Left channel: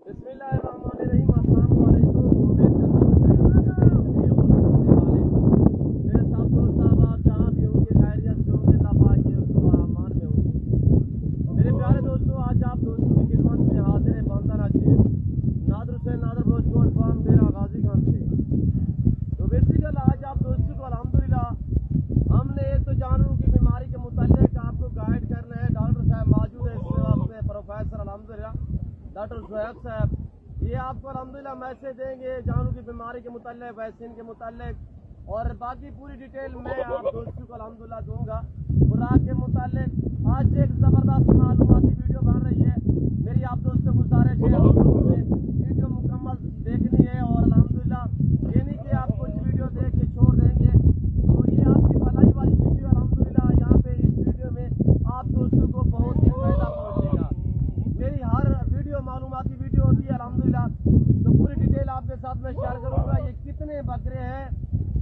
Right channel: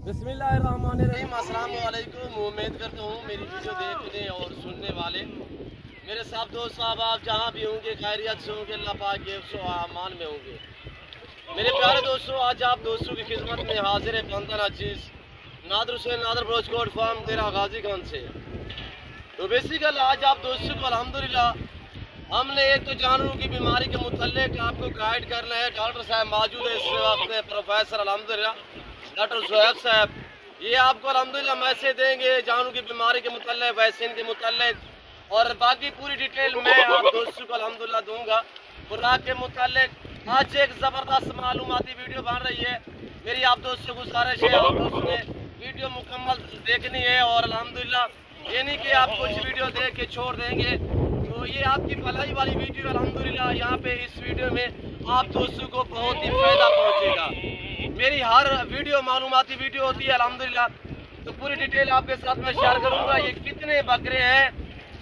बिस्मिल्लाहिर्रहमानिर्रहीम। अस्सलाम वालेकुम। उम्मीद करता हूँ मेरी वीडियो देखने और सुनने वाले मेरे सब दोस्त साहब आप जहाँ भी होंगे खैरियत से होंगे, अल्लाह पाक के अमान में होंगे। मेरे प्यारे दोस्तों, आज आप दोस्तों की खिदमत में हाजिर है खानदान अजीज नादर हुसैन नादर ब्रोच गोड फार्म तेरा गाजी खान से। तो बेसिकल आज आप दोस्तों को अल्हम्दुलिल्लाह हमने एक तो जानवरों की बीमारी के मुतालिक आपको गाइड करना है। डॉक्टर साहब मौजूद है इस वक्त, प्रोफेसर अल्हम्दुलिल्लाह डॉक्टर ज़ुहैब साहब, ये आपको अल्हम्दुलिल्लाह मैसेज देंगे जानवरों की बीमारी के मुतालिक, वैक्सीन के मुतालिक और बाकी पूरी डिटेल मैं आप दोस्तों को अल्हम्दुलिल्लाह दूंगा। खुराक के मुतालिक आज एक ज़बरदस्त मालूमाती वीडियो बन रही है। मेरी आप दोस्तों को गुजारिश है आप दोस्तों ने वीडियो मुकम्मल देखनी है और अल्हम्दुलिल्लाह ये नहीं कि आप कुछ वीडियो देख के छोड़ देंगे। तो ये आपकी भलाई वाली वीडियो अल्हम्दुलिल्लाह, यहाँ पे इस वीडियो में आप दोस्तों को बहुत ही फ़ायदा पहुँचेगा। मेरी हर वीडियो मालूमाती वीडियो होती है अल्हम्दुलिल्लाह, तो पूरी डिटेल आपके साथ मैं शेयर करूँगा। ये कितने बकरे हैं,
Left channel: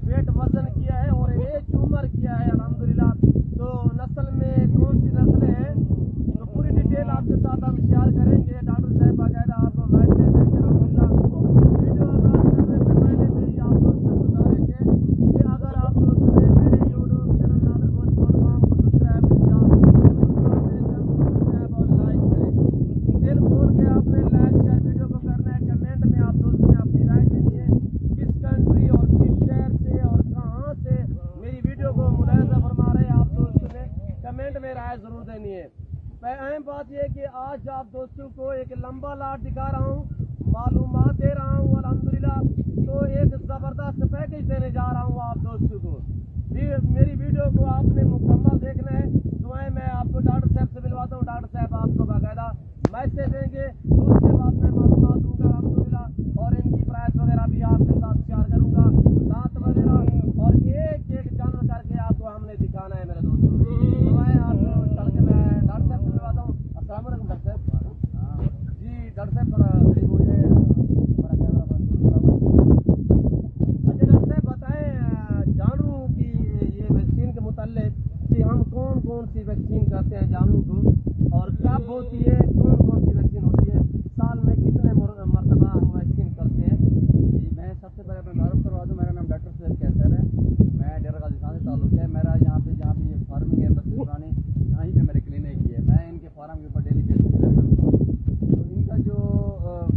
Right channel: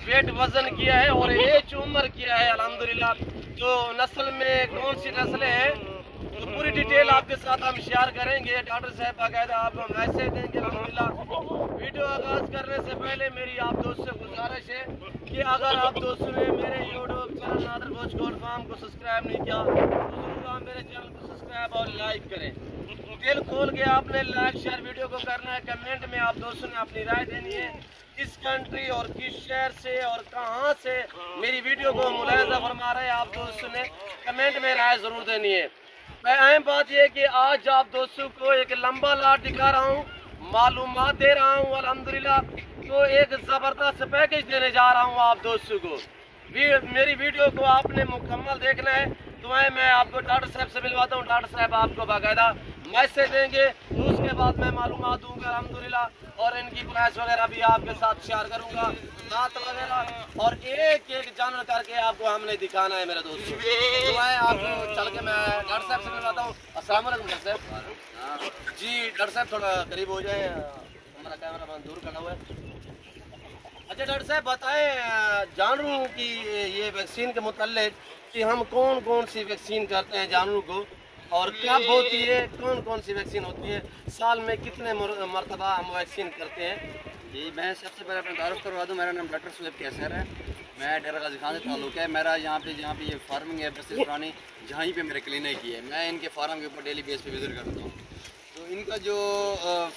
वेट वज़न किया है और एज उम्र किया है अल्हम्दुलिल्लाह, तो नस्ल में कौन सी नस्लें हैं, तो पूरी डिटेल आपके साथ हम शेयर करेंगे। डॉक्टर साहब बाकायदा आपको मैसेज देंगे अल्हम्दुलिल्लाह। वीडियो आगाज़ करने से पहले मेरी आप दोस्त से गुजारिश है कि अगर आप दोस्तों ने मेरे यूट्यूब चैनल नादर ब्रोच गोड फार्म को सब्सक्राइब नहीं किया तो मेरे चैनल को सब्सक्राइब और लाइक करें। दिल खोल के आपने लाइक शेयर वीडियो को करना है। कमेंट में आप दोस्तों ने अपनी राय देनी है, किस कंट्री और किस शहर से और कहां से मेरी वीडियो को मुलाहिजा फरमा रहे हैं आप दोस्तों ने कमेंट में राय ज़रूर देनी है। मैं अहम बात यह कि आज आप दोस्तों को एक लंबा लाट दिखा रहा हूँ, मालूमात दे रहा हूँ अल्हम्दुलिल्लाह, तो एक ज़बरदस्त पैकेज देने जा रहा हूँ आप दोस्तों को। मेरी वीडियो को आपने मुकम्मल देखना है। दुआएं मैं आपको डॉक्टर साहब से मिलवाता हूँ, डॉक्टर साहब आपको बाकायदा मैसेज देंगे, तो उसके बाद मैं मालूमात दूँगा अल्हम्दुलिल्लाह और इनकी प्राइस वगैरह भी आपके साथ शेयर करूँगा, दांत वगैरह और एक एक जानवर करके आपको हमने दिखाना है मेरे दोस्त। दुआएं आपको चल के मैं डॉक्टर साहब से मिलवाता हूँ। अस्सलाम वालेकुम डॉक्टर साहब। जी डॉक्टर साहब थोड़ा करीब हो जाए, हमारा कैमरा दूर खड़ा हुआ है। अच्छा डॉक्टर साहब बताएं जानवरों की ये वैक्सीन के मुतालिक कि हम कौन कौन सी वैक्सीन करते हैं जानवरों को और कब होती है, कौन कौन सी वैक्सीन होती है, साल में कितने मरतबा हम वैक्सीन करते हैं। जी मैं सबसे पहले अपना तारुफ करवा दूँ। मेरा नाम डॉक्टर ज़ुहैब कैसर है, मैं डेरा गाजी खान से ताल्लुक़ है। मेरा यहाँ पे जहाँ पे ये फार्मिंग है बस्ती पुरानी, जहाँ पे मेरे क्लिनिक ही है, मैं इनके फार्म के ऊपर डेली बेस पे विज़िट करता हूँ। तो इनका जो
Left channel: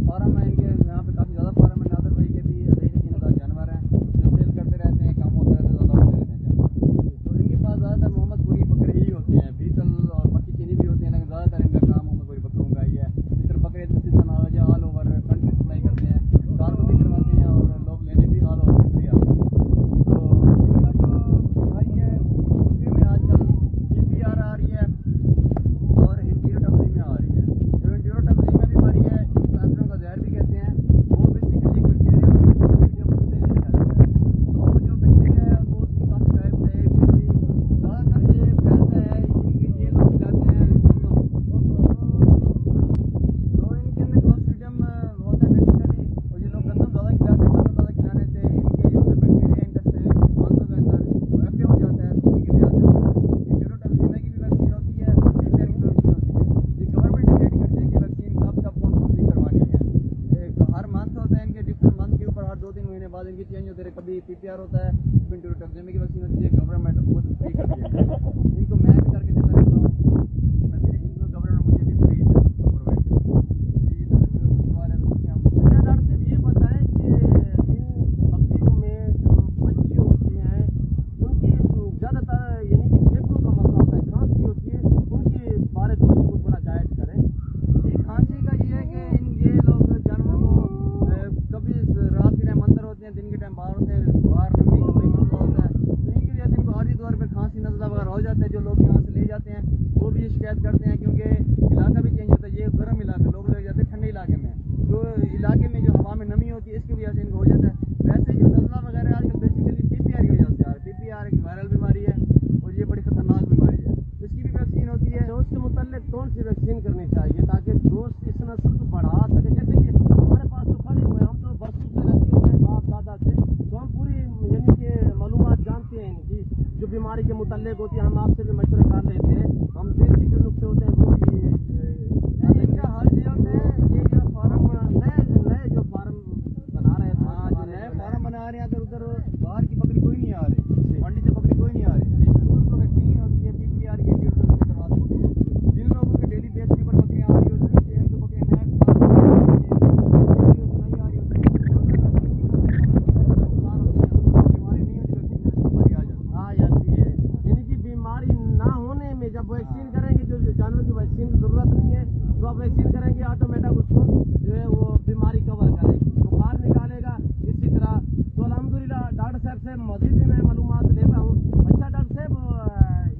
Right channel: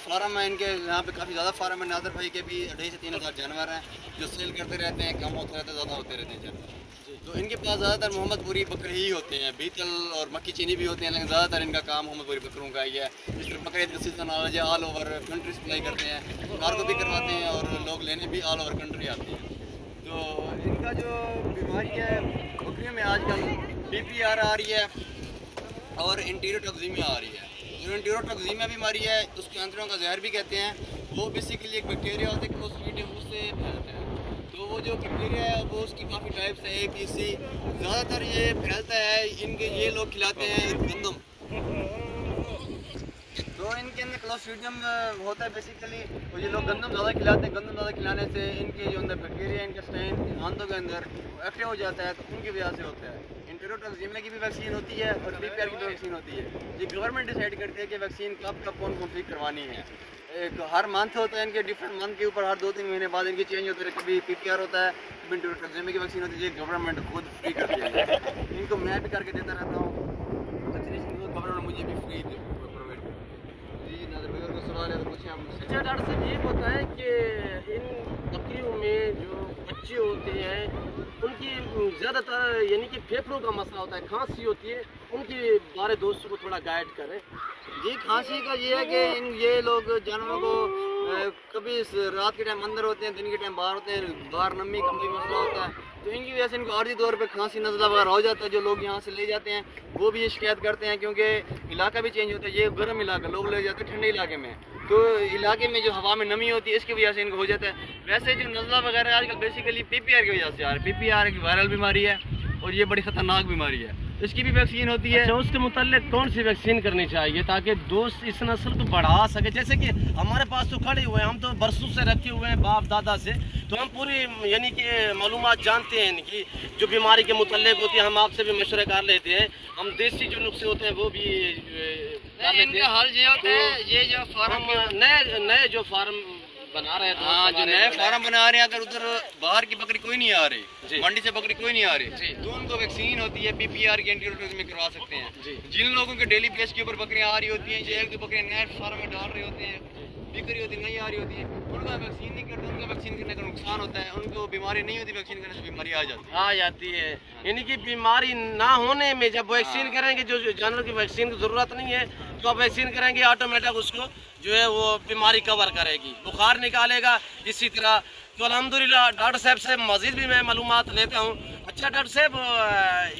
फार्म है, इनके यहाँ पे काफ़ी ज़्यादा फार्म है। नादर भाई के भी 2,500 से 3,000 जानवर हैं जो सेल करते रहते हैं, कम होते रहते हैं, ज़्यादा होते रहते हैं जानवर। तो इनके पास ज़्यादातर मोहम्मदपुरी बकरे ही होते हैं, बीतल और मक्की चीनी भी होते हैं, लेकिन ज़्यादातर इनका काम मोहम्मदपुरी बकरों का ही है। इस तरह बकरे का सीजन आ जाए ऑल ओवर कंट्री सप्लाई करते हैं, कार को भी करवाते हैं और लोग लेने भी ऑल ओवर कंट्री आते हैं। तो इनका जो बीमारी है बकरियों में आजकल PPR आ रही है और इंटीरोटॉक्सीमिया आ रही है। जो इंटीरोटॉक्सीमिया बीमारी है उसको आंतरों का जहर भी कहते हैं। वो बेसिकली एक बैक्टीरिया होता है, उससे फैलता है। तो वो जो बैक्टीरिया है वो उसकी काफ़ी टाइप्स है, ABC। ज़्यादातर ये फैलता है, इनके ये लोग खिलाते हैं गंदम, तो इनके अंदर क्लोस्ट्रीडियम होता है बेसिकली, और ये लोग गंदम ज़्यादा खिलाते हैं। गंदम ज़्यादा खिलाने से इनके जो अंदर बैक्टीरिया इंटेस्टाइन आंतों के अंदर एक्टिव हो जाता है, तो उनकी वजह से होता है। इंटीरोटॉक्सीमिया की भी वैक्सीन होती है और PPR की भी वैक्सीन होती है। ये गवर्नमेंट डिसाइड करती है कि वैक्सीन कब कब कौन कौन सी करवानी है। एक हर मंथ होता है इनके, डिफरेंट मंथ के ऊपर हर 2-3 महीने बाद इनकी चेंज होते हैं। कभी PPR होता है, कभी इंटीरोटॉक्सीमिया की वैक्सीन होती है। ये गवर्नमेंट खुद फ्री करती है, इनको मैं भी करके देता रहता हूँ। वैक्सीनेशन को गवर्नमेंट मुझे भी फ्री प्रोवाइड करती है। जी नाज़र भाई और कोई सवाल है तो पूछें आप मुझसे। अच्छा डॉक्टर साहब ये बताएं कि इन बकरियों में जो बच्चे होते हैं उनकी ज़्यादातर यानी कि फेफड़ों का मसला होता है, खांसी होती है, उनके बारे दोस्तों को थोड़ा गाइड करें। ये खांसी का ये है कि ये लोग जानवरों को कभी रात के टाइम अंदर होते हैं, दिन के टाइम बाहर होते हैं, बाहर नमी का कोई मसला होता है, तो इनकी वजह से इनको आर्जी तौर पे खांसी नज़ला वगैरह हो जाता है। जो लोग यहाँ से ले जाते हैं वो भी ये शिकायत करते हैं, क्योंकि इलाका भी चेंज होता है। ये गर्म इलाका, लोग ले जाते हैं ठंडे इलाके में, तो इलाके में जो हवा में नमी होती है इसकी वजह से इनको हो जाता है। वैसे जो नज़ला वगैरह आजकल बेसिकली PPR की वजह से आ रहा है। PPR एक वायरल बीमारी है और ये बड़ी ख़तरनाक बीमारी है, तो इसकी भी वैक्सीन होती है। अच्छा उसके मुतालिक कौन सी वैक्सीन करनी चाहिए ताकि दोस्त इस नस्ल को बढ़ा सके। जैसे कि हमारे पास तो खड़े हुए हैं, हम तो बरसों से रखे हुए हैं बाप दादा से, तो हम पूरी यानी कि मालूमात जानते हैं इनकी जो बीमारी के मुतालिक होती है। हम आपसे भी मशवरे कर लेते हैं, हम देसी जो नुस्खे होते हैं वो भी इनका हाल ये होता है, ये जो फार्म नए फार्म बना रहे हैं, अगर उधर बाहर की बकरी कोई नहीं आ रही, मंडी से बकरी कोई नहीं आ रही, तो उनको वैक्सीन होती है PPR की एंटीरोटॉक्स में करवा सकते हैं। जिन लोगों के डेली बेस के ऊपर बकरियां आ रही होती हैं, जो एक दो बकरियां नए फार्म में डाल रहे होते हैं, बिक्री होती नहीं आ रही होती है, उनका वैक्सीन नहीं करते, उनका वैक्सीन करने का नुकसान होता है, उनको बीमारी नहीं होती, वैक्सीन करने से बीमारी आ जाती है। यानी कि बीमारी ना होने में जब वैक्सीन करेंगे, जो जानवर की वैक्सीन की ज़रूरत नहीं है, तो आप वैक्सीन करेंगे ऑटोमेटिक उसको जो है वो बीमारी कवर करेगी, बुखार निकालेगा। इसी तरह तो अल्हम्दुलिल्लाह डॉक्टर साहब से मज़ीद भी मैं मालूमात लेता हूँ। अच्छा डॉक्टर साहब,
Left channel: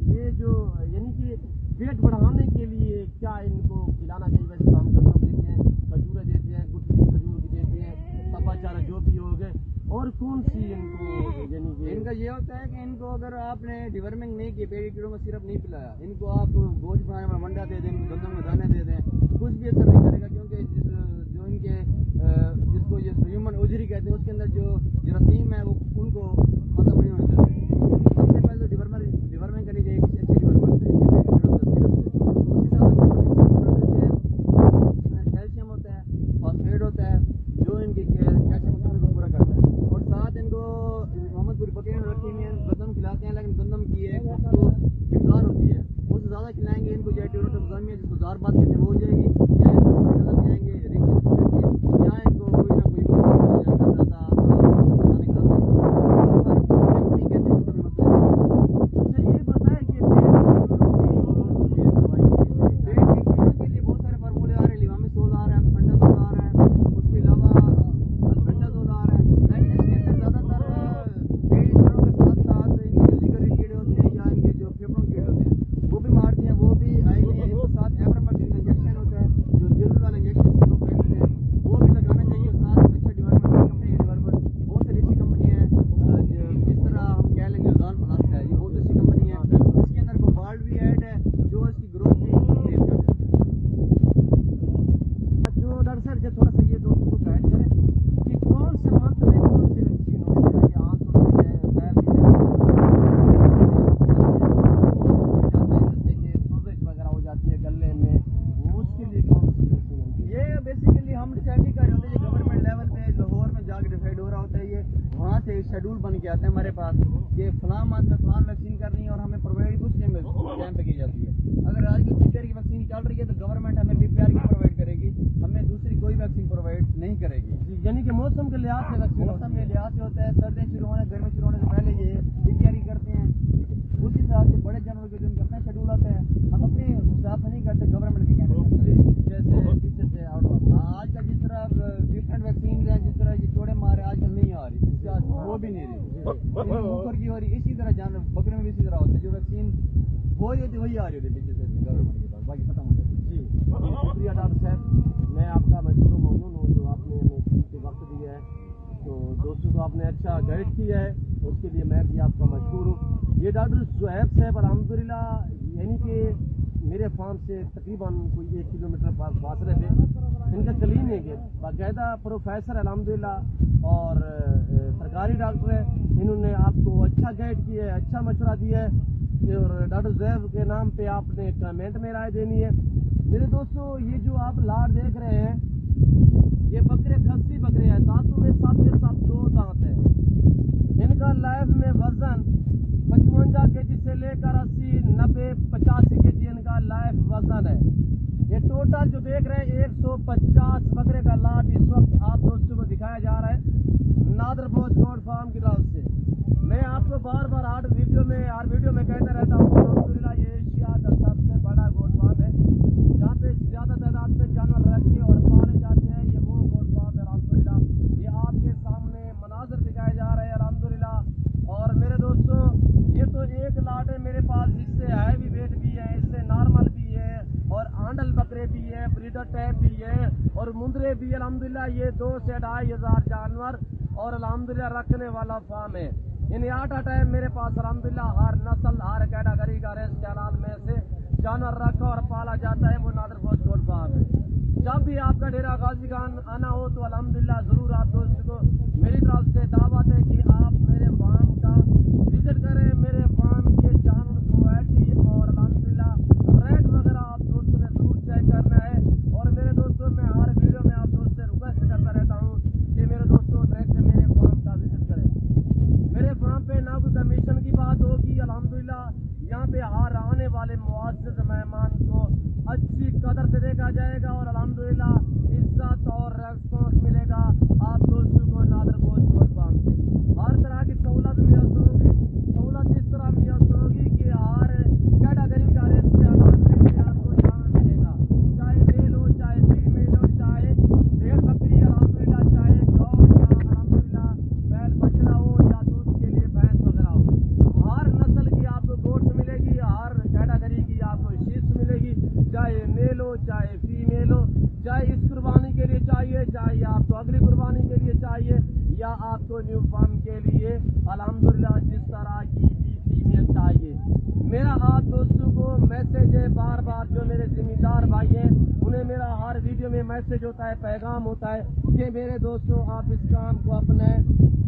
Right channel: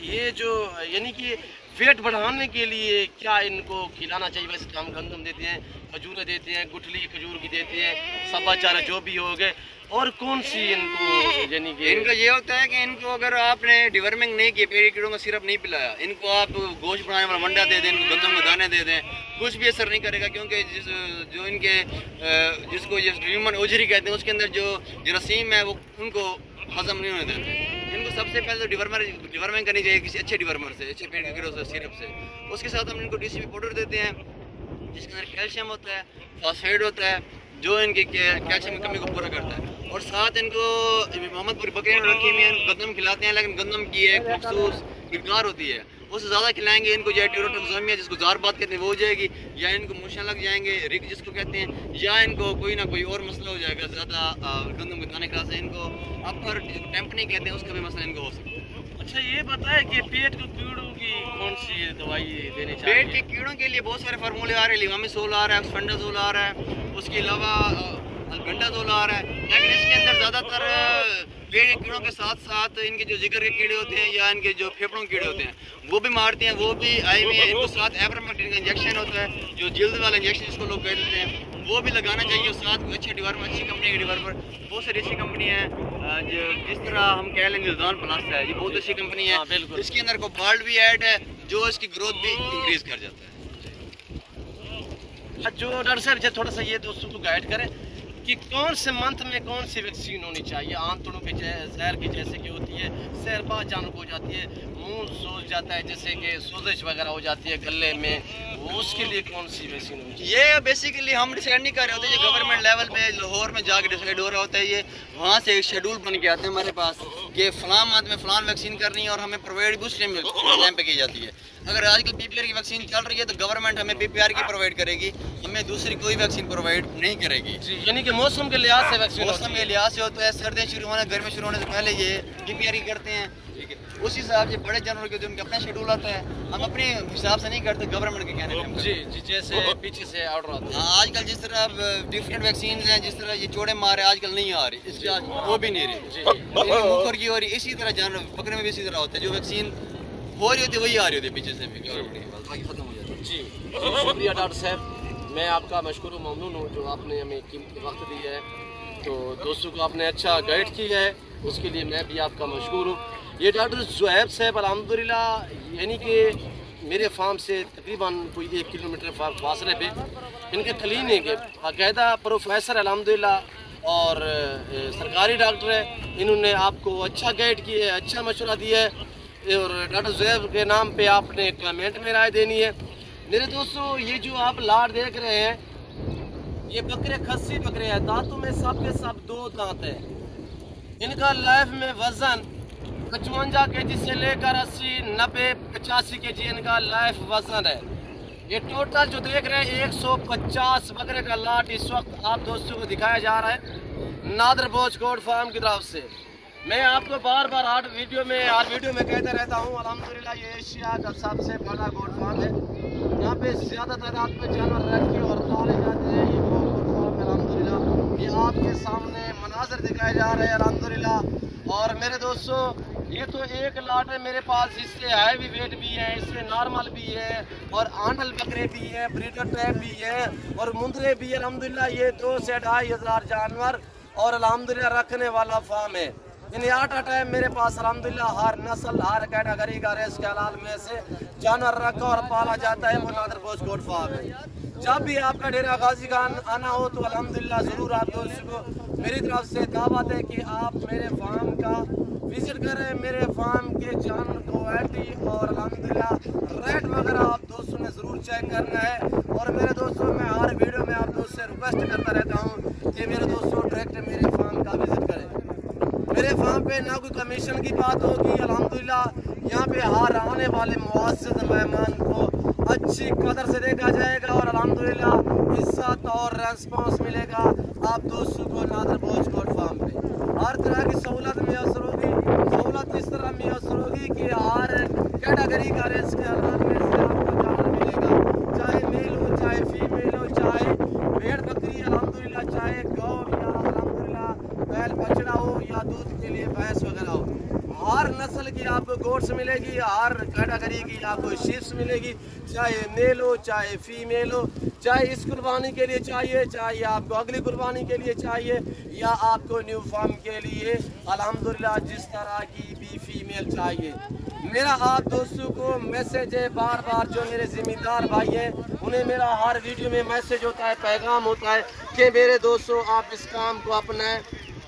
ये जो यानी कि वेट बढ़ाने के लिए क्या इनको खिलाना चाहिए? वैसे तो हम गंदम देते हैं, खजूरें देते हैं, गुठली खजूर की देते हैं, सब्ज़ा चारा जो भी हो गए, और कौन सी इनको यानी कि इनका ये होता है कि इनको अगर आपने डिवर्मिंग नहीं किया, पेड़ी कीड़ों का सिरप नहीं पिलाया, इनको आप गोश्त बनाने वाला मंडा दे दें, इनको गंदम के दाने दे दें, कुछ भी असर नहीं करेगा, क्योंकि जो इनके जिसको ये ह्यूमन ओजरी कहते हैं, उसके अंदर जो जरासीम है वो उनको हजम नहीं होने देते। इनको सबसे पहले तो डिवर्मिंग करनी चाहिए किसी अच्छे डिवर्मर से, अच्छे पेड़ के कीड़ों से, सिरप से। उसके साथ हम इनको DCP पाउडर देते हैं, जिसके अंदर कैल्शियम होता है, फॉस्फेट होता है, जो इनकी कैल्शियम की कमी को पूरा करता है। और साथ इनको मोहम्मदपुरी बकरियाँ रखी हुई हैं, गंदम खिलाते हैं, लेकिन गंदम की एक मखसूस मिकदार होती है, उससे ज़्यादा खिलाएंगे इनको या टीरोटोक्सामिया जिसको जार बात कहते हैं वो हो जाएगी, या इनको मूशा लग जाएंगे, रिग जिसको कहते हैं, या इनको कोई ना कोई और मसला हो जाएगा ज़्यादा गंदम को खाने का, इनको अपर टेम्पनी कहते हैं, उसका भी मसला इनको हो सकता है। अच्छा ये बताएं कि पेट के कीड़ों की कौन सी दवाई देनी चाहिए? पेट के कीड़ों के लिए बहुत सारे फार्मूले आ रहे हैं, लिवामिसोल आ रहा है, एक्सफेंडाजोल आ रहा है, उसके अलावा अल्बेंडाजोल आ रहा है, लेकिन इसके अंदर ज़्यादातर पेट के कीड़ों के साथ साथ इनके जो जिगर के कीड़े होते हैं या इनके जो फेफड़ों के कीड़े होते हैं वो भी मारते हैं, वो भी आई हुई है। इनको साथ एब्रामेक्टिन का इंजेक्शन होता है, जो जल्द वाला इंजेक्शन जिसको लोग कहते हैं, वो भी लगाना चाहिए। और साथ अच्छे डिवर्मर, अच्छी कंपनी के डिवर्मर, बहुत सारी अच्छी कंपनी है, जिस तरह हम कह लेंगे निजान प्लस है, ये बहुत अच्छी कंपनी है, इसके अंदर कोबाल्ट भी ऐड है, जो इसकी ग्रोथ भी इंक्रीज़ कर जाता है। जो डॉक्टर साहब थोड़ा सा ये दोस्तों को गाइड करें कि कौन से मंथ में कौन सी वैक्सीन होनी चाहिए? आंतड़ों पे जहर की जैसे कि होती है, सहरबा जानब हो जाती है, मुंह सूज जाता है, जैसे कि सोजिश वगैरह हो जाती है गले में, उसके लिए कौन सी वैक्सीन होनी चाहिए? ये बेसिकली हम डिसाइड नहीं कर रहे होते, ये गवर्नमेंट लेवल पे लाहौर में जाकर डिसाइड हो रहा होता है। ये वहाँ से एक शेड्यूल बन के आते हैं हमारे पास कि फ़लाँ मंथ में फ़लाँ वैक्सीन करनी है, और हमें प्रोवाइड कुछ टाइम पे की जाती है। अगर आजकल PPR की वैक्सीन चल रही है तो गवर्नमेंट हमें PPR की प्रोवाइड करेगी, हमें दूसरी कोई वैक्सीन प्रोवाइड नहीं करेगी। यानी कि मौसम के लिहाज से वैक्सीन, मौसम के लिहाज से होता है, सर्दियाँ शुरू होने, गर्मी शुरू होने से पहले ये PPR की करते हैं, ठीक है। उसी हिसाब से बड़े जानवर के उनका अपना शेड्यूल आता है, हम अपने हिसाब से नहीं करते, गवर्नमेंट के कहने पे। जी जी, जैसे पीछे से ऑर्डर आता है। हाँ, आजकल जिस तरह डिफरेंट वैक्सीन हैं, जिस तरह ये चोड़े मारे आजकल नहीं आ रही, इसके वो भी नहीं रही, ऊपर की हो रही। इसी तरह जानवर बकरे में भी इसी तरह होता है, जो वैक्सीन हो रही होती है वही आ रही होती है पीछे से भी, गवर्नमेंट के पास, बाकी खत्म हो जाता है। जी शुक्रिया डॉक्टर साहब, मैं आपका मशकूर ममनून हूँ जो आपने हमें कीमती वक्त दिया है, तो दोस्तों को आपने अच्छा गाइड किया है, उसके लिए मैं भी आपका मशकूर हूँ। ये डॉक्टर ज़ुहैब साहब अल्हम्दुलिल्लाह यानी कि मेरे फार्म से तकरीबन कोई 1 किलोमीटर फासले पे इनके क्लिनिक है, बाकायदा प्रोफेसर अल्हम्दुलिल्लाह और सरकारी डॉक्टर है, इन्होंने आपको अच्छा गाइड किया है, अच्छा मशवरा दिया है, और डॉक्टर ज़ुहैब के नाम पे आपने कमेंट में राय देनी है। मेरे दोस्तों, ये जो आप लाट देख रहे हैं, ये बकरे खस्सी बकरे हैं, दांतों में सब के सब 2 दांत हैं। इनका लाइफ में वज़न 55 kg से लेकर 80, 90, 85 kg इनका लाइफ वज़न है। ये टोटल जो देख रहे हैं 150 बकरे का लाट इस वक्त आप दोस्तों को दिखाया जा रहा है नादर बोझ गोट फार्म की तरफ से। मैं आपको बार बार हर वीडियो में कहते रहता हूँ, अल्हम्दुलिल्लाह ये एशिया का सबसे बड़ा गोट फार्म है। यहाँ पे ज़्यादा तादाद में जानवर रखे और पाले जाते हैं। ये गोट फार्म है अल्हम्दुलिल्लाह, ये आपके सामने मनाजर दिखाए जा रहे हैं अल्हम्दुलिल्लाह। और मेरे दोस्तों, ये तो एक लाट है मेरे पास, इससे हैवी वेट भी है, इससे नॉर्मल भी है, और आंडल बकरे भी है, ब्रीडर टाइप भी है, और मुंदरे भी है अल्हम्दुलिल्लाह। ये 2 से 2.5 हज़ार जानवर और अल्हम्दुलिल्लाह रखने वाला फार्म है। इन 8 टाइम मेरे पास अल्हम्दुलिल्लाह हर नस्ल, हर कैटेगरी का रेस के हलाल में से जानवर रखा और पाला जाता है, वो नादर बोझ गोट फार्म है। जब भी आपका डेरा गाजी खान आना हो तो अल्हम्दुलिल्लाह ज़रूर आप दोस्तों को मेरी तरफ से दावत है कि आप मेरे फार्म का विज़िट करें, मेरे फार्म के जानवर क्वालिटी और अल्हम्दुलिल्लाह रेट वगैरह आप दोस्तों ने ज़रूर चेक करना है। और मेरे दोस्तों, मैं हर वीडियो में आप दोस्तों से रिक्वेस्ट करता रहता हूँ कि मेरे दोस्तों डायरेक्ट मेरे पे ना कोई कमीशन की बात होगी। अल्हम्दुलिल्लाह यहाँ पे हर आने वाले मुअज़्ज़ज़ मेहमान को अच्छी कदर से देखा जाएगा और अल्हम्दुलिल्लाह इज्जत और रेस्पॉन्स मिलेगा आप दोस्तों को नादर भोज गोट फार्म पे। हर तरह की सहूलत मैसर होगी। सहूलत इस तरह मैसर होगी कि हर कैटेगरी का रेस के हालात में से आपको जानवर मिलेगा, चाहे मेल हो चाहे फीमेल हो, चाहे भेड़ बकरी अल्हम्दुलिल्लाह, चाहे गौ या अल्हम्दुलिल्लाह बैल बछड़ा हो या दूध के लिए भैंस वगैरह हो। हर नस्ल की आपको गोट्स मिलेगी, हर कैटेगरी की आपको शीप्स मिलेगी, चाहे मेल हो चाहे फीमेल हो, चाहे इस कुर्बानी के लिए चाहिए, चाहे आपको अगली कुर्बानी के लिए चाहिए या आपको न्यू फार्म के लिए अल्हम्दुलिल्लाह जिस तरह की भी फीमेल चाहिए। मेरा आप दोस्तों को मैसेज है बार बार, जो मेरे ज़िम्मेदार भाई हैं उन्हें मेरा हर वीडियो में मैसेज होता है, पैगाम होता है कि मेरे दोस्तों आप इस काम को अपनाएं।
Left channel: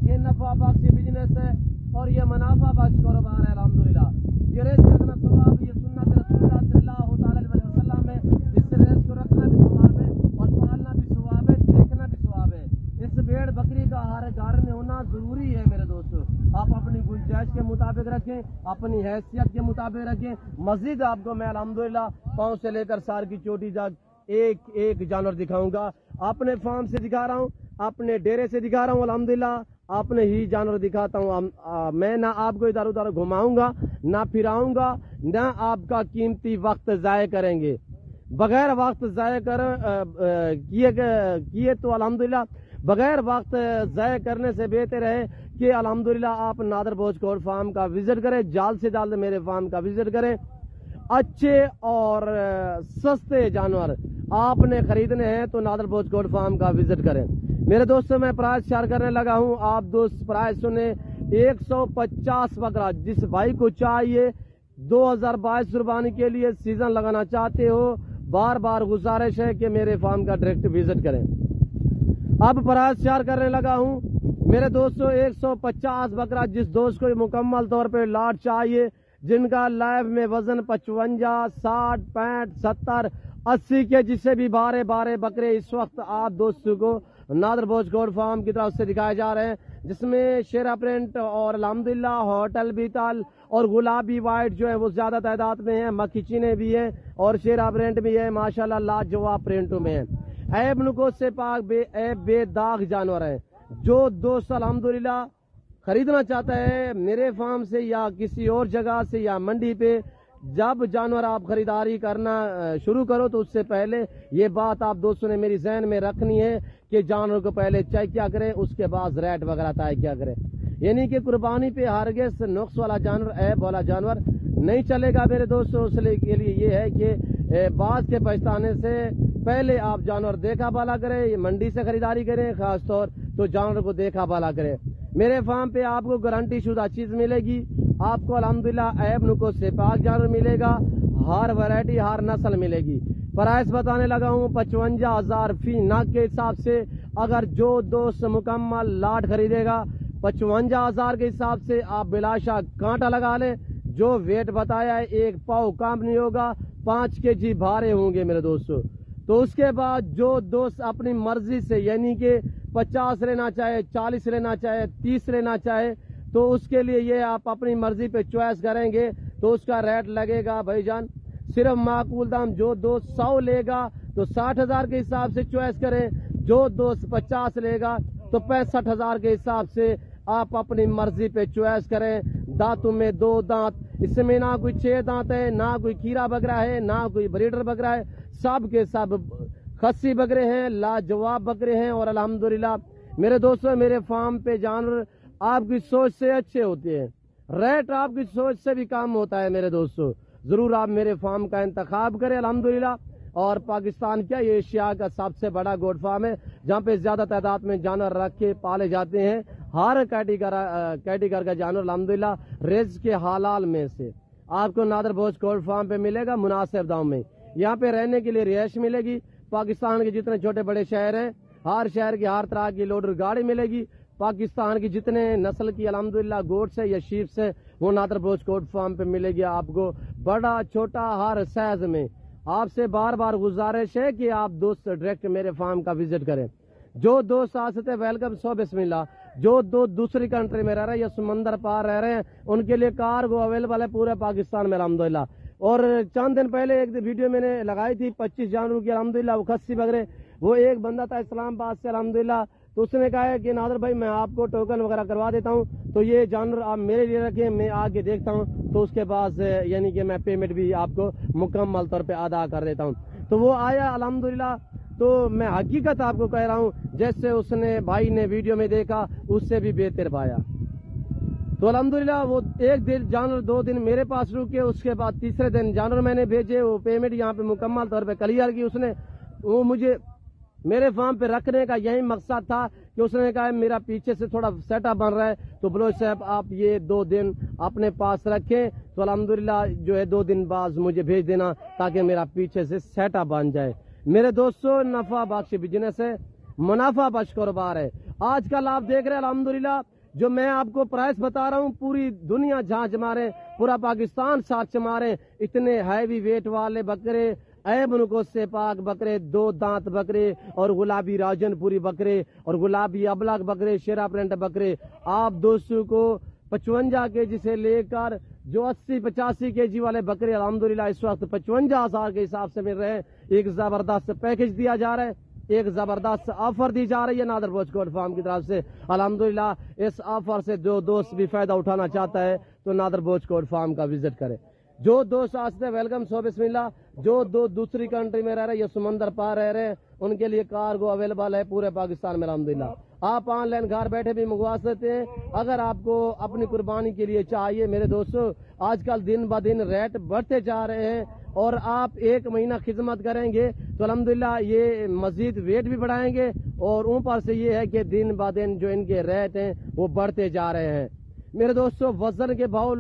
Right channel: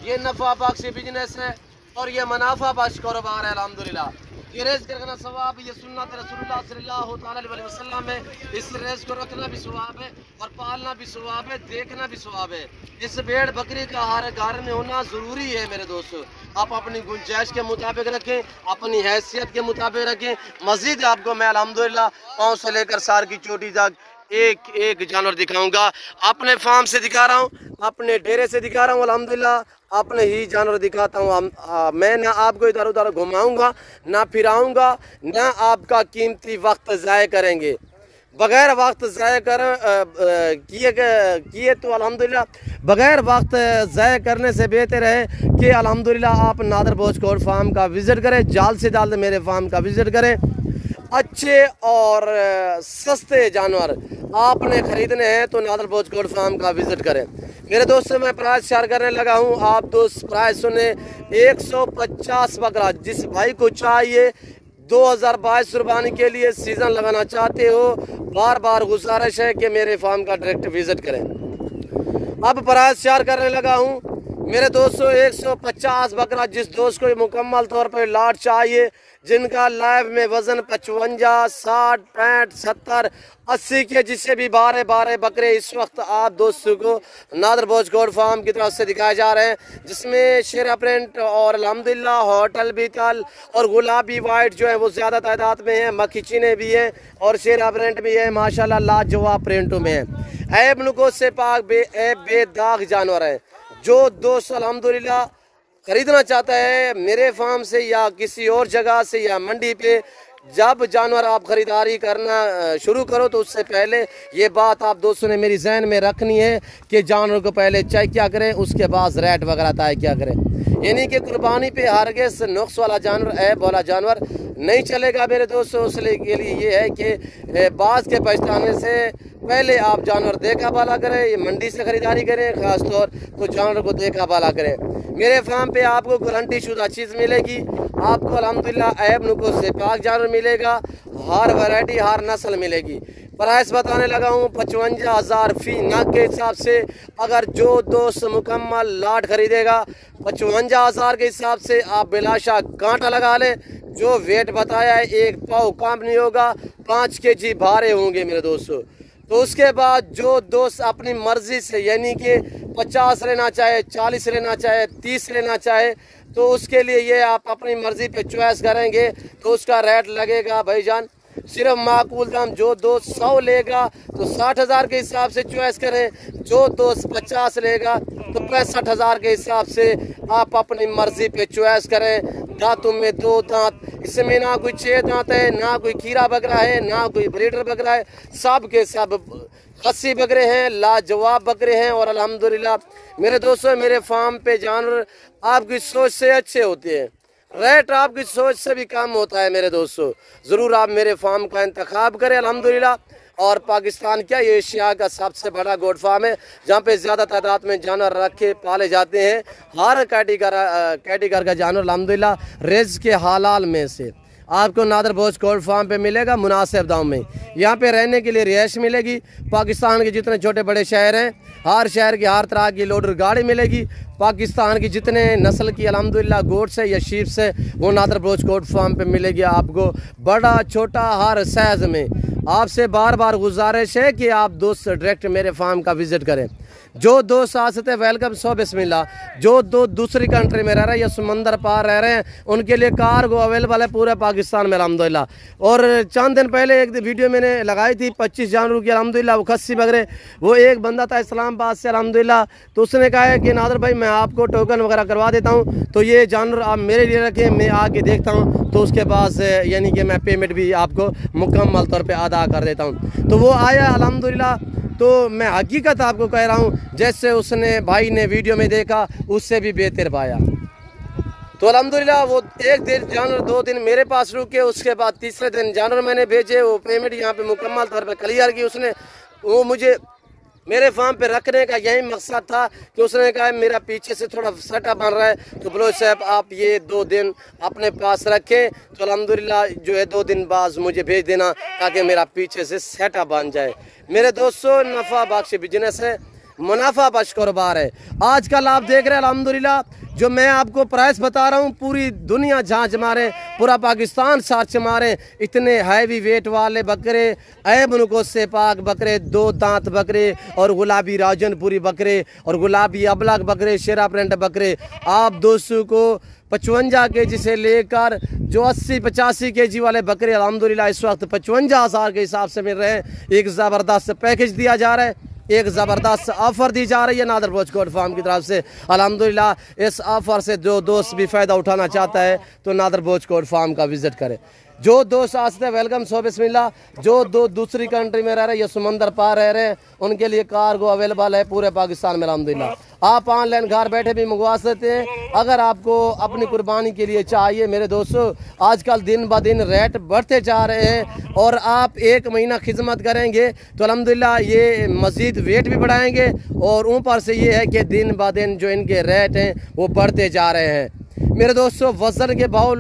ये नफ़ा बख्श बिजनेस है और ये मुनाफा बख्श कारोबार है। अल्हम्दुलिल्लाह ये रेस करना सवाब, ये सुन्नत रसूलुल्लाह सल्लल्लाहु अलैहि वसल्लम है। इस रेस को रखना भी सवाब है और पालना भी सवाब है, देखना भी सवाब है। इस भेड़ बकरी का हर घर में होना ज़रूरी है मेरे दोस्तों। आप अपनी गुंजाइश के मुताबिक रखें, अपनी हैसियत के मुताबिक रखें। मज़ीद आपको मैं अल्हम्दुलिल्लाह पाँव से लेकर सार की चोटी तक एक एक जानवर दिखाऊंगा। अपने फार्म से दिखा रहा हूँ, अपने डेरे से दिखा रहा हूँ, अल्हम्दुलिल्लाह अपने ही जानवर दिखाता हूँ। मैं ना आपको इधर उधर घुमाऊंगा, ना फिराऊंगा, ना आपका कीमती वक्त ज़ाय करेंगे। बग़ैर वक्त ज़ाय किए तो अल्हम्दुलिल्लाह बग़ैर वक्त ज़ाय करने से बेहतर है कि अल्हम्दुलिल्लाह आप नादर भोज गोट फार्म का विज़िट करें, जल्द से जल्द मेरे फार्म का विज़िट करें। अच्छे और सस्ते जानवर आपने ख़रीदने हैं तो नादर भोज गोट फार्म का विज़िट करें। मेरे दोस्तों मैं प्राइस शेयर करने लगा हूं, आप दोस्त प्राइस सुने 150 बकरा। जिस भाई को चाहिए 2022 कुर्बानी के लिए सीज़न लगाना चाहते हो, बार बार गुजारिश है कि मेरे फार्म का डायरेक्ट विज़िट करें। अब प्राइस शेयर करने लगा हूं मेरे दोस्तों 150 बकरा। जिस दोस्त को मुकम्मल तौर पर लाट चाहिए, जिनका लाइव में वज़न 55, 60, 65, 70, 80 के जिससे भी 12 बकरे इस वक्त आप दोस्तों को नादर भोज गोट फार्म की तरफ से दिखाए जा रहे हैं, जिसमें शेरा प्रिंट और अल्हम्दुलिल्लाह होटल बीतल और गुलाबी वाइट जो है वो ज़्यादा तादाद में है। मक्खी चीने भी हैं और शेरा प्रिंट भी है, माशाल्लाह लाजवाब प्रिंटों में है। ऐब नुकोस से पाक बेदाग जानवर है। जो दोस्त अल्हम्दुलिल्लाह ख़रीदना चाहता है मेरे फार्म से या किसी और जगह से या मंडी पे, जब जानवर आप ख़रीदारी करना शुरू करो तो उससे पहले ये बात आप दोस्तों ने मेरी जहन में रखनी है कि जानवर को पहले चेक क्या करें, उसके बाद रेट वगैरह तय क्या करें। यानी कि कुर्बानी पे हरगिज़ नुक्स वाला जानवर, ऐब वाला जानवर नहीं चलेगा मेरे दोस्तों। उसके लिए ये है कि बाज़ के पछताने से पहले आप जानवर देखा बाला करें, ये मंडी से ख़रीदारी करें, ख़ास तौर तो जानवर को देखा बाला करें। मेरे फार्म पे आपको गारंटी शुदा चीज़ मिलेगी, आपको अल्हम्दुलिल्लाह ऐब नुकोस से पाक जानवर मिलेगा, हर वैरायटी हर नस्ल मिलेगी। प्राइस बताने लगा हूँ 55,000 फी नग के हिसाब से। अगर जो दोस्त मुकम्मल लाट ख़रीदेगा 55,000 के हिसाब से आप बिलाशा कांटा लगा लें। जो वेट बताया है 1 पाव कम नहीं होगा, 5 kg भारे होंगे मेरे दोस्तों। तो उसके बाद जो दोस्त अपनी मर्ज़ी से यानी कि 50 लेना चाहे, 40 लेना चाहे, 30 लेना चाहे, तो उसके लिए ये आप अपनी मर्ज़ी पे चॉइस करेंगे तो उसका रेट लगेगा भाईजान सिर्फ माकूल दाम। जो दोस्त 100 लेगा तो 60,000 के हिसाब से चॉइस करें, जो दोस्त 50 लेगा तो 65,000 के हिसाब से आप अपनी मर्ज़ी पे चॉइस करें। दांतों में 2 दांत, इसमें ना कोई 6 दांत है, ना कोई खीरा बकरा है, ना कोई ब्रीडर बकरा है, सब के सब खस्सी बकरे हैं, लाजवाब बकरे हैं। और अल्हम्दुलिल्लाह मेरे दोस्तों मेरे फार्म पे जानवर आपकी सोच से अच्छे होते हैं, रेट आपकी सोच से भी कम होता है मेरे दोस्तों। ज़रूर आप मेरे फार्म का इंतखाब करें अल्हम्दुलिल्लाह। और पाकिस्तान क्या ये एशिया का सबसे बड़ा गोट फार्म है जहाँ पे ज़्यादा तादाद में जानवर रखे पाले जाते हैं। हर कैटेगरी का जानवर अल्हम्दुलिल्लाह रिज़्क़ के हलाल में से आपको नादर भोज गोट फार्म पे मिलेगा मुनासिब दाम में। यहाँ पे रहने के लिए रिहाइश मिलेगी। पाकिस्तान के जितने छोटे बड़े शहर हैं, हर शहर की हर तरह की लोडर गाड़ी मिलेगी। पाकिस्तान की जितने नस्ल की अल्हम्दुलिल्लाह गोट्स है या शीप्स है वो नादर भोज गोट फार्म पे मिलेगी आपको, बड़ा छोटा हर साइज़ में। आपसे बार बार गुजारिश है कि आप दोस्त डायरेक्ट मेरे फार्म का विज़िट करें। जो दोस्त आ सकते वेलकम सो बिस्मिल्लाह। जो दो दूसरी कंट्री में रह रहे हैं या समंदर पार रह रहे हैं उनके लिए कार्गो अवेलेबल है पूरे पाकिस्तान में अल्हम्दुलिल्लाह। और चंद दिन पहले एक वीडियो मैंने लगाई थी 25 जानवरों की अल्हम्दुलिल्लाह, वो खस्सी बकरे। वो एक बंदा था इस्लामाबाद से अल्हम्दुलिल्लाह, तो उसने कहा है कि नादर भाई मैं आपको टोकन वगैरह करवा देता हूँ, तो ये जानवर आप मेरे लिए रखें, मैं आके देखता हूँ, तो उसके बाद यानी कि मैं पेमेंट भी आपको मुकम्मल तौर पे अदा कर देता हूँ। तो वो आया अल्हम्दुलिल्लाह। तो मैं हकीकत आपको कह रहा हूँ, जैसे उसने भाई ने वीडियो में देखा उससे भी बेहतर पाया। तो अल्हम्दुलिल्लाह वो एक दिन जानवर 2 दिन मेरे पास रुके, उसके बाद तीसरे दिन जानवर मैंने भेजे, वो पेमेंट यहाँ पे मुकम्मल तौर पे क्लियर की उसने। वो मुझे मेरे फार्म पे रखने का यही मकसद था कि उसने कहा मेरा पीछे से थोड़ा सटा बन रहा है, तो बलोच साहब आप ये 2 दिन अपने पास रखें, तो अल्हम्दुलिल्लाह जो है 2 दिन बाद मुझे भेज देना ताकि मेरा पीछे से सेटा बन जाए। मेरे दोस्तों नफ़ा बख्श बिजनेस है, मुनाफा बख्श कारोबार है। आजकल आप देख रहे हैं अल्हम्दुलिल्लाह जो मैं आपको प्राइस बता रहा हूँ, पूरी दुनिया झांच मारे, पूरा पाकिस्तान सर्च मारे, इतने हैवी वेट वाले बकरे, ऐब नुको से पाक बकरे, 2 दांत बकरे और गुलाबी राजनपुरी बकरे और गुलाबी अबलग बकरे, शेरा प्रिंट बकरे आप दोस्तों को 55 केजी से लेकर जो 80-85 केजी वाले बकरे अल्हम्दुलिल्लाह इस वक्त 55,000 के हिसाब से मिल रहे हैं। एक ज़बरदस्त पैकेज दिया जा रहा है, एक ज़बरदस्त ऑफ़र दी जा रही है नादर बोच गोट फार्म की तरफ से अल्हम्दुलिल्लाह। इस ऑफ़र से जो दोस्त भी फ़ायदा उठाना चाहता है तो नादर बोच गोट फार्म का विज़िट करे। जो दोस्त आते हैं वेलकम सो बिस्मिल्लाह। जो दो दूसरी कंट्री में रह रहे हैं या समंदर पार रह रहे हैं उनके लिए कार्गो अवेलेबल है पूरे पाकिस्तान में अल्हम्दुलिल्लाह। आप ऑनलाइन घर बैठे भी मंगवा सकते हैं। अगर आपको अपनी कुर्बानी के लिए चाहिए मेरे दोस्तों, आजकल दिन ब दिन रेट बढ़ते जा रहे हैं और आप 1 महीना खिदमत करेंगे तो अल्हम्दुलिल्लाह ये मज़ीद वेट भी बढ़ाएंगे और ऊपर से ये है कि दिन ब दिन जो इनके रेट हैं वो बढ़ते जा रहे हैं। मेरे दोस्तों वज़न के भाव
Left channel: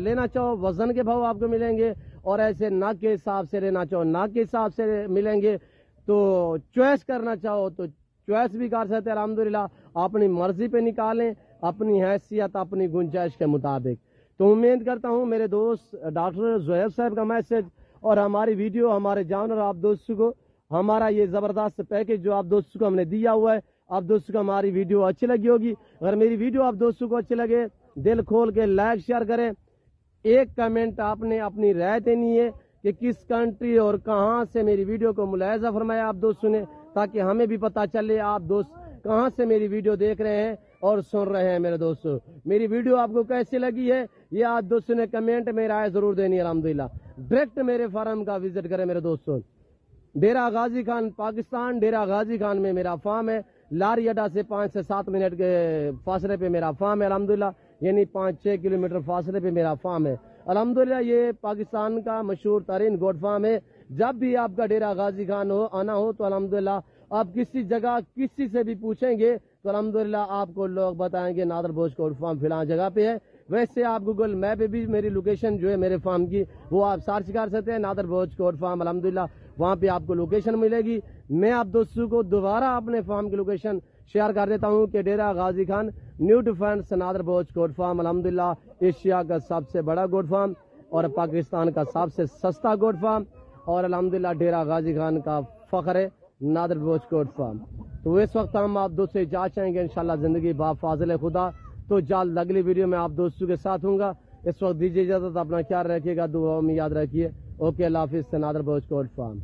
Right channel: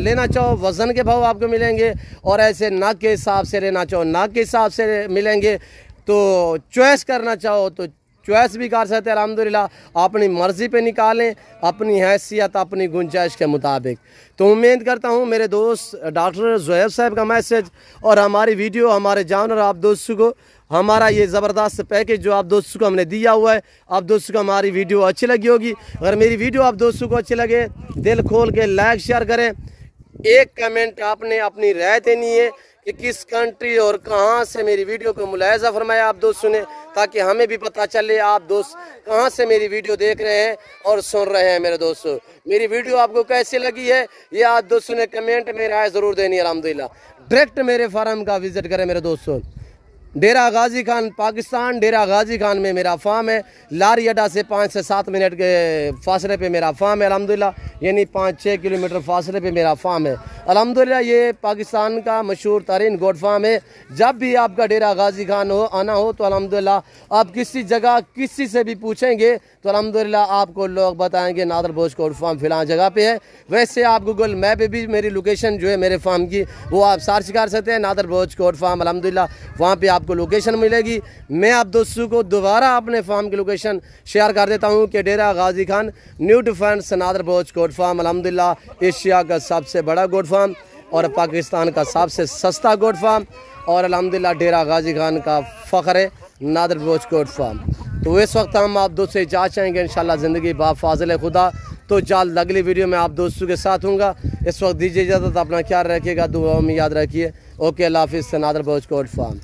लेना चाहो वज़न के भाव आपको मिलेंगे और ऐसे नाक के हिसाब से लेना चाहो नाक के हिसाब से मिलेंगे, तो चॉइस करना चाहो तो चॉइस भी कर सकते हैं अल्हम्दुलिल्लाह। अपनी मर्ज़ी पे निकालें, अपनी हैसियत अपनी गुंजाइश के मुताबिक। तो उम्मीद करता हूँ मेरे दोस्त डॉक्टर ज़ुहैब साहब का मैसेज और हमारी वीडियो हमारे जानवर आप दोस्तों को हमारा ये ज़बरदस्त पैकेज जो आप दोस्तों को हमने दिया हुआ है, आप दोस्तों को हमारी वीडियो अच्छी लगी होगी। अगर मेरी वीडियो आप दोस्तों को अच्छी लगे दिल खोल के लाइक शेयर करें। एक कमेंट आपने अपनी राय देनी है कि किस कंट्री और कहाँ से मेरी वीडियो को मुलाहिज़ा फरमाया आप दोस्तों ने, ताकि हमें भी पता चले आप दोस्त कहाँ से मेरी वीडियो देख रहे हैं और सुन रहे हैं। मेरे दोस्तों मेरी वीडियो आपको कैसी लगी है ये आप दोस्तों ने कमेंट में राय ज़रूर देनी है अल्हम्दुलिल्लाह। डायरेक्ट मेरे फार्म का विज़िट करें मेरे दोस्तों। डेरा गाजी खान पाकिस्तान, डेरा गाजी खान में मेरा फार्म है। लारी अड्डा से 5 से 7 मिनट के फासले पे मेरा फार्म है अल्हम्दुलिल्लाह, यानी 5-6 किलोमीटर फासले पे मेरा फार्म है अल्हम्दुलिल्लाह। ये पाकिस्तान का मशहूर तरीन गोट फार्म है। जब भी आपका डेरा गाजी खान हो आना हो तो अल्हम्दुलिल्लाह आप किसी जगह किसी से भी पूछेंगे तो अल्हम्दुलिल्लाह आपको लोग बताएंगे नादर बोच गोट फार्म फ़िलहाल जगह पे है। वैसे आप गूगल मैप पे भी मेरी लोकेशन जो है मेरे फार्म की वो आप सर्च कर सकते हैं नादर बोच गोट फार्म अल्हम्दुलिल्लाह, वहाँ पे आपको लोकेशन मिलेगी। मैं आप दोस्तों को दोबारा अपने फार्म की लोकेशन शेयर कर देता हूँ कि डेरा गाजी खान न्यू डिफेंस नादर बोच गोट फार्म अल्हम्दुलिल्लाह एशिया का सबसे बड़ा गोट फार्म और पाकिस्तान का सबसे सस्ता गोट फार्म और अल्हम्दुलिल्लाह डेरा गाजी खान का फ़ख्र है नादर बोच गोट फार्म। तो इस वक्त हम आप दोस्तों से इजाज़त चाहेंगे इंशाल्लाह ज़िंदगी बा फाज़िल खुदा। तो जल्द अगली वीडियो में आप दोस्तों के साथ हूँगा। इस वक्त दीजिए इजाज़त, अपना ख्याल रखिएगा, दुआ में याद रखिए। ओके अल्लाह हाफ़िज़। नादर बोच गोट फार्म।